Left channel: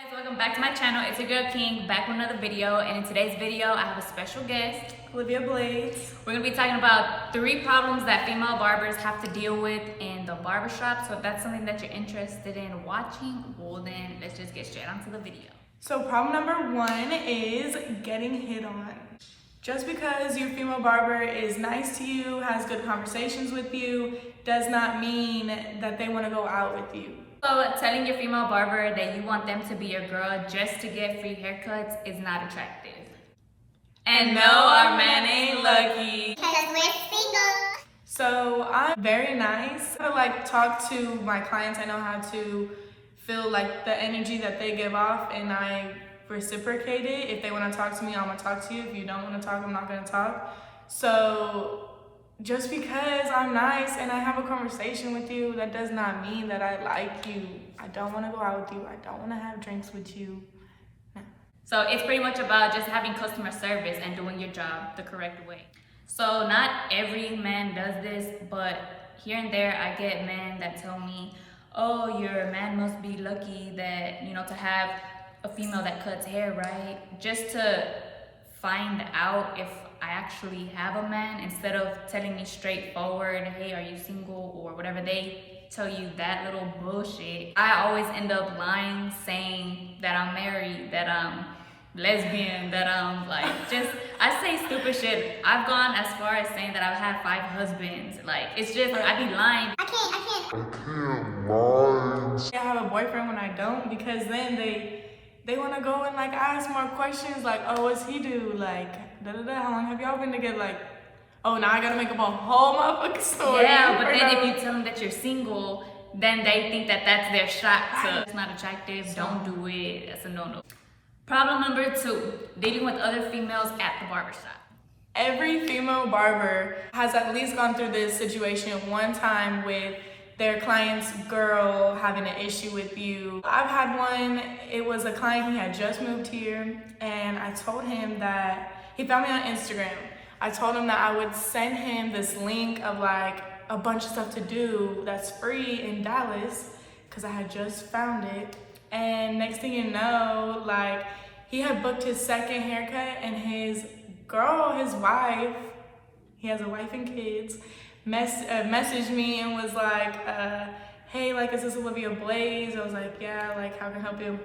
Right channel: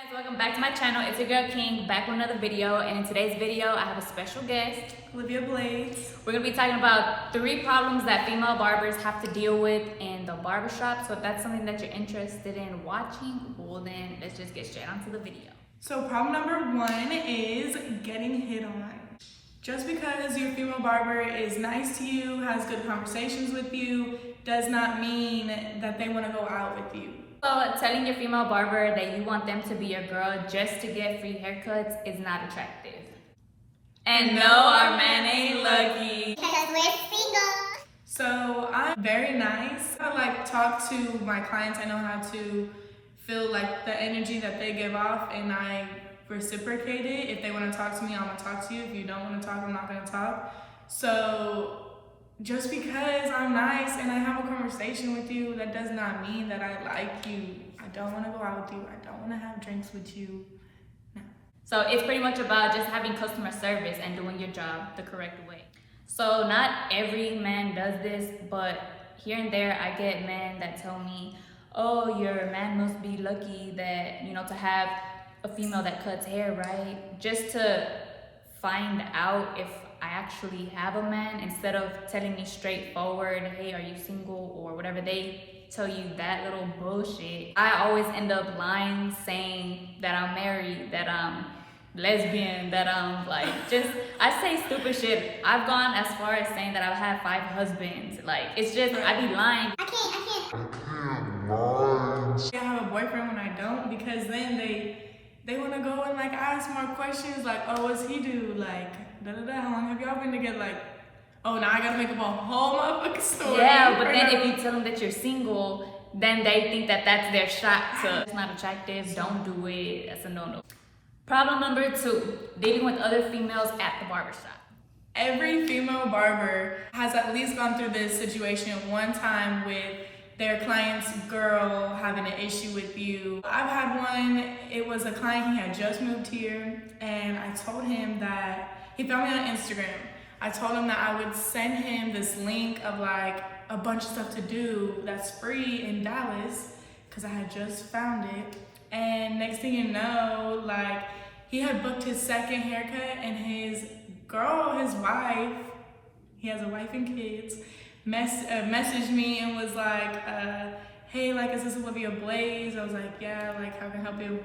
Guys, welcome back to my channel. It's your girl King back with another video, and in today's video I have a special guest, Olivia Blades. We're gonna be talking about 3 problems that female barbers have to deal with in the barbershop. So if that's something that you're interested in watching, well then let's just get straight onto the video. So problem number 1 is getting hit on. Just because your female barber is nice to you, has good conversations with you, does not mean that they want to go out with you. So telling your female barber that you want them to be your girl just to get free haircuts is not attractive. And no, our man ain't lucky. Because we're single. So I'm very nice. I talk to my clients. I know how to feel like the energy that they give off, and I reciprocate it. If they want to talk to me, I'm gonna talk to you. If you don't want to talk, I'm not gonna talk. So just because I'm nice and I have a conversation with you, that does not mean that I like you. I don't want to go out with you. I don't want to have drinks with you. No. So it's pretty much about just having customer service and doing your job the correct way. So not every man does this, but here and there I get men that tell me, oh, your man must be lucky that, to have a female that cuts hair, right? Just to find out if I actually have a man, instead of telling me straightforward, hey, are you single, or whatever they tell you, that little bullshit. I always end up lying, saying that I'm married, that I'm lesbian, that I'm I say stupid shit. I've gone as far as saying that I've had 5 husbands. It's just, I be lying. I can't I have a boyfriend when I don't, because then they want to go and ask more questions, oh, what's he do, how long have y'all been together, oh, now I gotta make up a whole motherfucking story. Yeah, but then if you tell them that you're single, then they think that that's their shot to, it's not attractive, don't do it, that's a no-no. Problem number 2, dealing with other females at the barbershop. Every female barber has at least gone through this situation one time with their client's girl having an issue with you. I've had one. It was a client who had just moved here, and I told him that, he found me on Instagram. I told him that I would send him this link of a bunch of stuff to do that's free in Dallas, because I had just found it. And next thing you know, he had booked his second haircut, and his girl, his wife, he has a wife and kids, messaged me and was hey, is this Olivia Blades? I was yeah, how can I help you?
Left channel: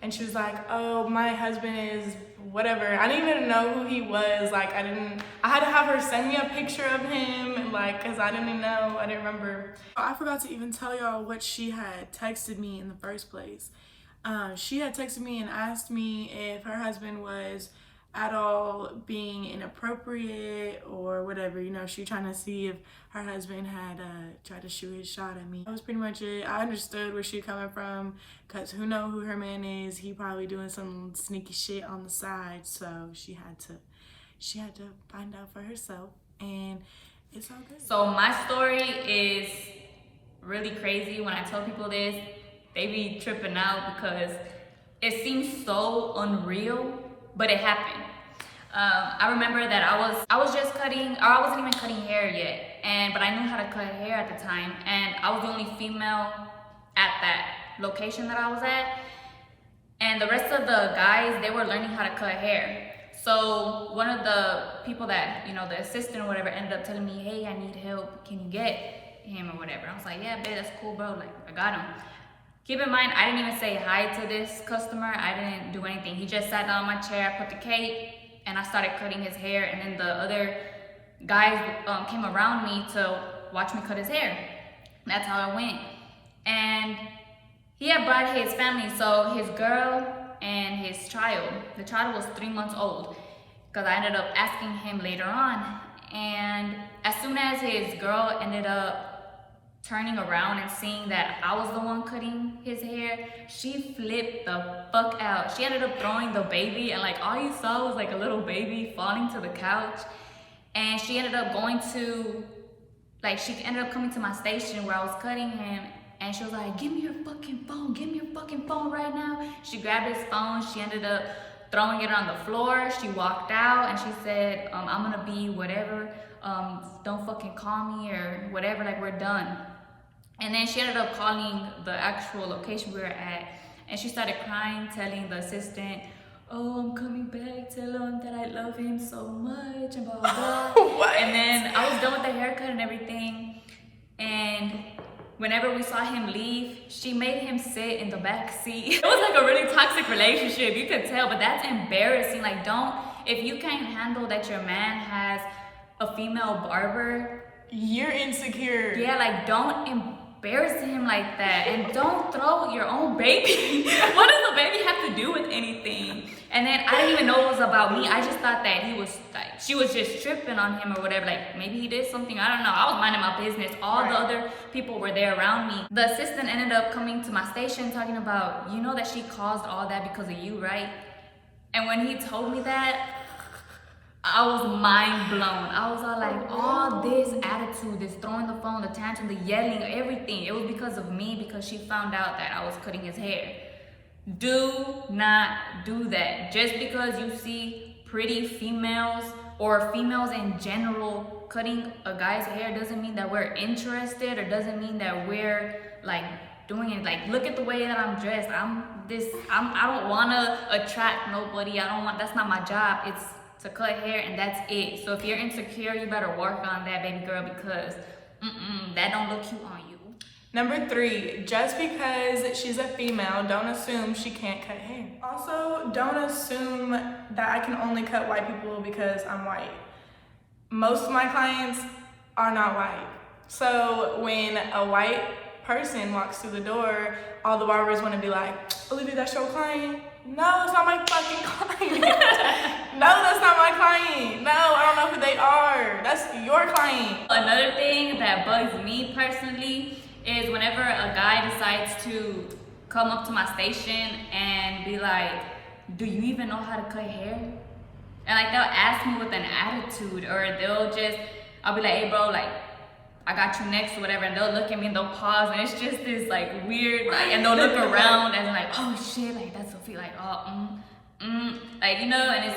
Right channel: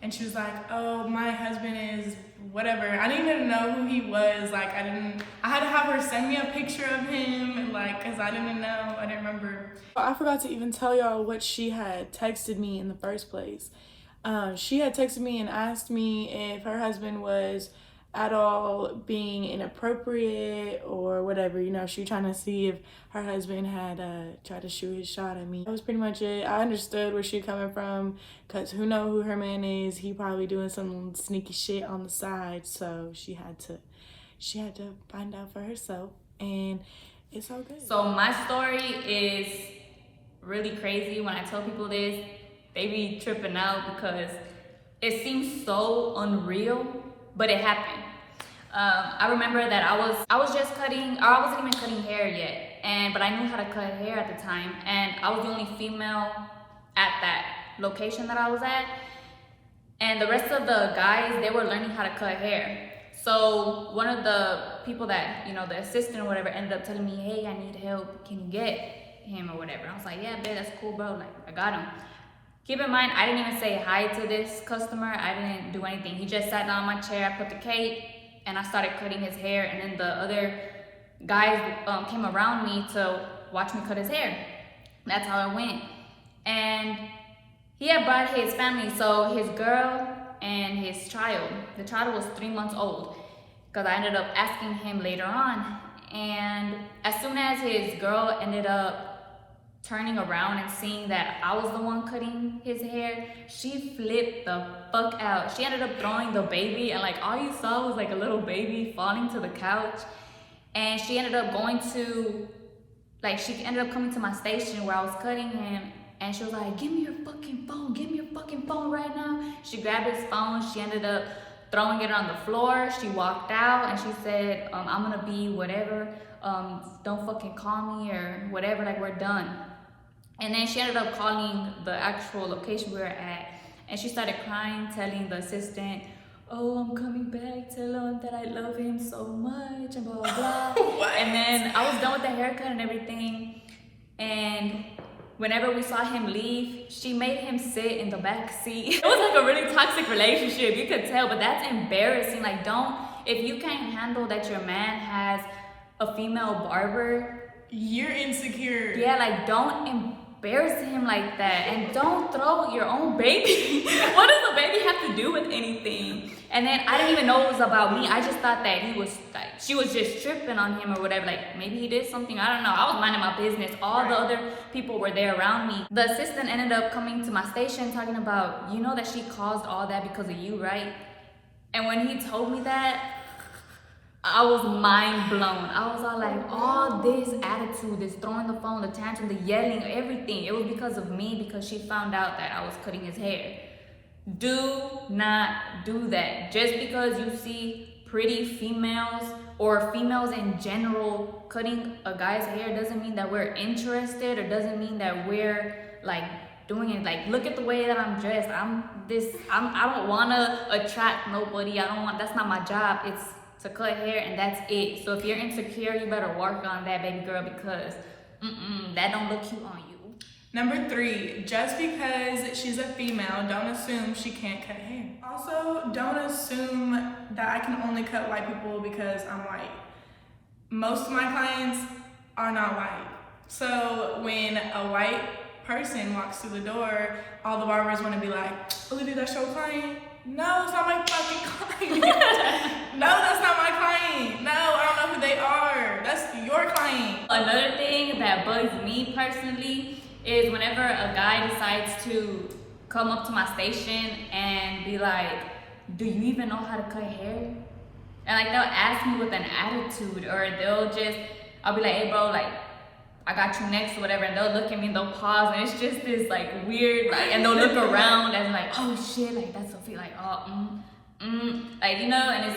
And she was oh, my husband is whatever. I didn't even know who he was. I had to have her send me a picture of him, and because I didn't know, I didn't remember. I forgot to even tell y'all what she had texted me in the first place. She had texted me and asked me if her husband was at all being inappropriate or whatever. She was trying to see if her husband had tried to shoot his shot at me. That was pretty much it. I understood where she coming from, because who knows who her man is. He probably doing some sneaky shit on the side, so she had to find out for herself, and it's all good. So my story is really crazy. When I tell people this, they be tripping out because it seems so unreal, but it happened. I remember that I was just cutting, or I wasn't even cutting hair yet, but I knew how to cut hair at the time, and I was the only female at that location that I was at, and the rest of the guys, they were learning how to cut hair. So one of the people that, the assistant or whatever, ended up telling me, hey, I need help, can you get him or whatever? I was yeah, babe, that's cool, bro, I got him. Keep in mind, I didn't even say hi to this customer. I didn't do anything. He just sat down on my chair, I put the cape, and I started cutting his hair, and then the other guys came around me to watch me cut his hair. That's how it went. And he had brought his family, so his girl and his child. The child was 3 months old, because I ended up asking him later on. And as soon as his girl ended up turning around and seeing that I was the one cutting his hair, she flipped the fuck out. She ended up throwing the baby, and all you saw was a little baby falling to the couch. And she ended up going to, she ended up coming to my station where I was cutting him, and she was give me your fucking phone, give me your fucking phone right now. She grabbed his phone, she ended up throwing it on the floor. She walked out and she said, I'm gonna be whatever, don't fucking call me or whatever, we're done. And then she ended up calling the actual location we were at And she started crying, telling the assistant, oh, I'm coming back, tell him that I love him so much, and blah, blah, blah. And then I was done with the haircut and everything. And whenever we saw him leave, she made him sit in the back seat. It was like a really toxic relationship, you could tell, but that's embarrassing. Like, if you can't handle that your man has a female barber, you're insecure. Yeah, like, don't embarrass him like that, and don't throw your own baby. What does the baby have to do with anything? And then I didn't even know it was about me. I just thought that he was like, she was just tripping on him or whatever. Like, maybe he did something, I don't know. I was minding my business. All the other people were there around me. The assistant ended up coming to my station talking about, you know that she caused all that because of you, right? And when he told me that, I was mind blown. I was all like, all this attitude, this throwing the phone, the tantrum, the yelling, everything, it was because of me, because she found out that I was cutting his hair. Do not do that. Just because you see pretty females or females in general cutting a guy's hair doesn't mean that we're interested, or doesn't mean that we're like doing it. Like, look at the way that I'm dressed. I don't want to attract nobody. That's not my job. It's to cut hair, and that's it. So if you're insecure, you better work on that, baby girl, because that don't look cute on you. Number 3, just because she's a female, don't assume she can't cut hair. Also, don't assume that I can only cut white people because I'm white. Most of my clients are not white. So when a white person walks through the door, all the barbers want to be like, Olivia, that's your client? No, it's not my fucking client. No, that's not my client. No, I don't know who they are. That's your client. Another thing that bugs me personally is whenever a guy decides to come up to my station and be like, do you even know how to cut hair? And like, they'll ask me with an attitude, or I'll be like, hey bro, like, I got you next or whatever, and they'll look at me and they'll pause, and it's just this like weird, like, and they'll look around and like, oh shit, like that's Sophie, like, oh, like, you know, and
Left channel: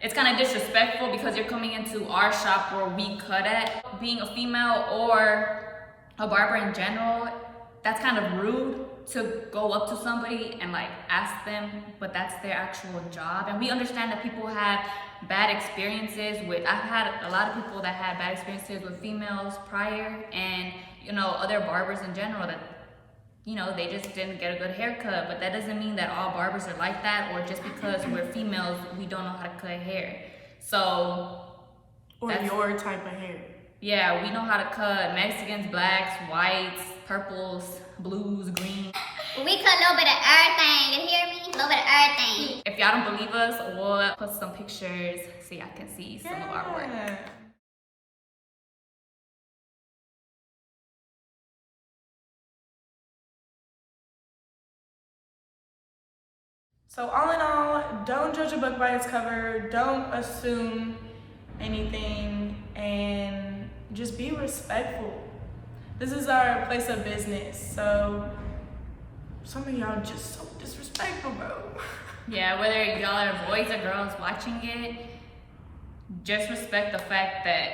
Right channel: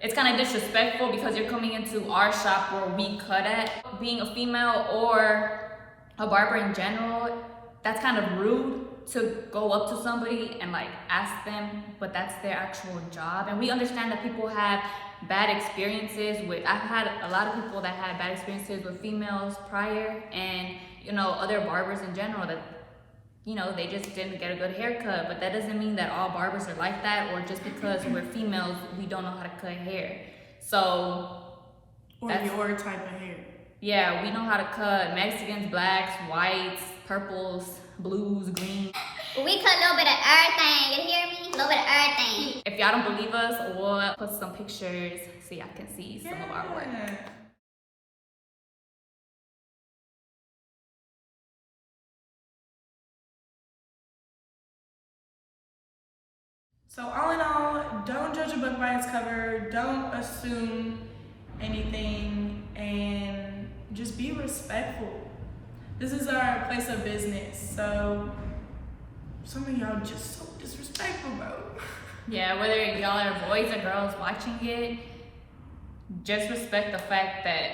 it's kind of disrespectful because you're coming into our shop where we cut at. Being a female or a barber in general, that's kind of rude to go up to somebody and like ask them, but that's their actual job. And we understand that people have bad experiences with, I've had a lot of people that had bad experiences with females prior, and you know, other barbers in general, that, you know, they just didn't get a good haircut. But that doesn't mean that all barbers are like that, or just because we're females we don't know how to cut hair. So or your type of hair. Yeah, we know how to cut Mexicans, blacks, whites, purples, blues, greens. We cut a little bit of everything, you hear me? A little bit of everything. If y'all don't believe us, we'll put some pictures so y'all can see some of our work. So all in all, don't judge a book by its cover, don't assume anything, and just be respectful. This is our place of business, so some of y'all just so disrespectful, bro. Yeah, whether y'all are boys or girls watching it, just respect the fact that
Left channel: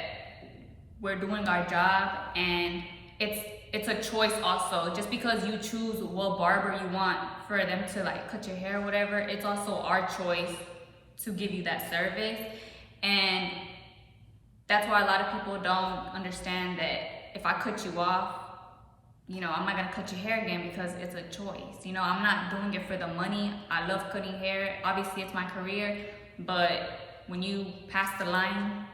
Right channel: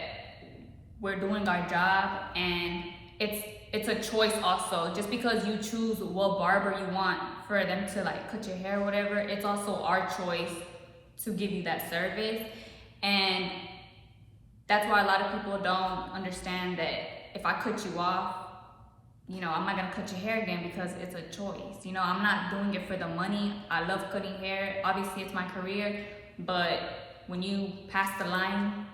we're doing our job, and it's a choice also. Just because you choose what barber you want for them to like cut your hair or whatever, it's also our choice to give you that service. And that's why a lot of people don't understand that if I cut you off, you know, I'm not gonna cut your hair again, because it's a choice. You know, I'm not doing it for the money. I love cutting hair. Obviously, it's my career, but when you pass the line,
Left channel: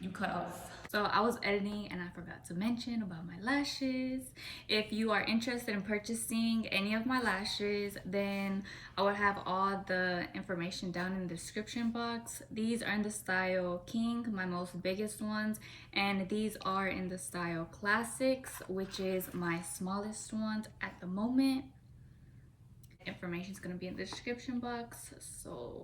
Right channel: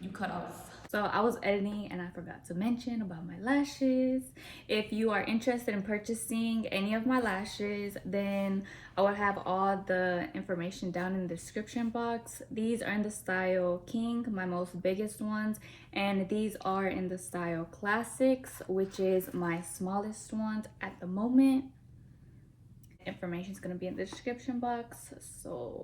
you cut off. So I was editing and I forgot to mention about my lashes. If you are interested in purchasing any of my lashes, then I will have all the information down in the description box. These are in the style King, my most biggest ones, and these are in the style Classics, which is my smallest ones at the moment. Information is gonna be in the description box, so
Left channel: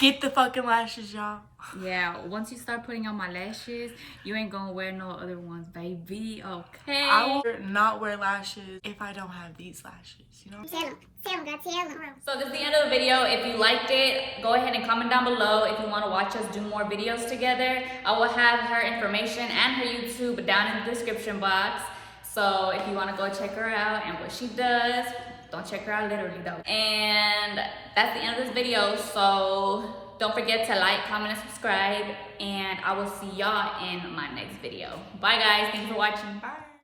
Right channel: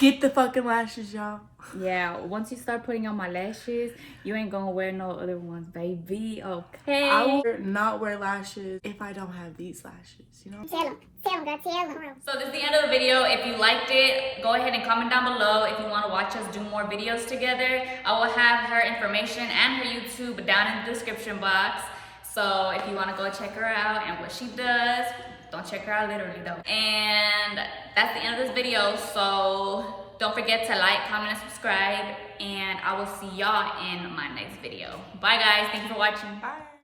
get the fucking lashes, y'all. Yeah, once you start putting on my lashes, you ain't gonna wear no other ones, baby. Okay, I will not wear lashes if I don't have these lashes, you know. Tell them, girl, tell them. so this is the end of the video. If you liked it, go ahead and comment down below if you want to watch us do more videos together. I will have her information and her YouTube down in the description box, so if you want to go check her out and what she does, Don't check her out literally though. And that's the end of this video. So don't forget to like, comment, and subscribe. And I will see y'all in my next video. Bye guys, thanks for watching. Bye.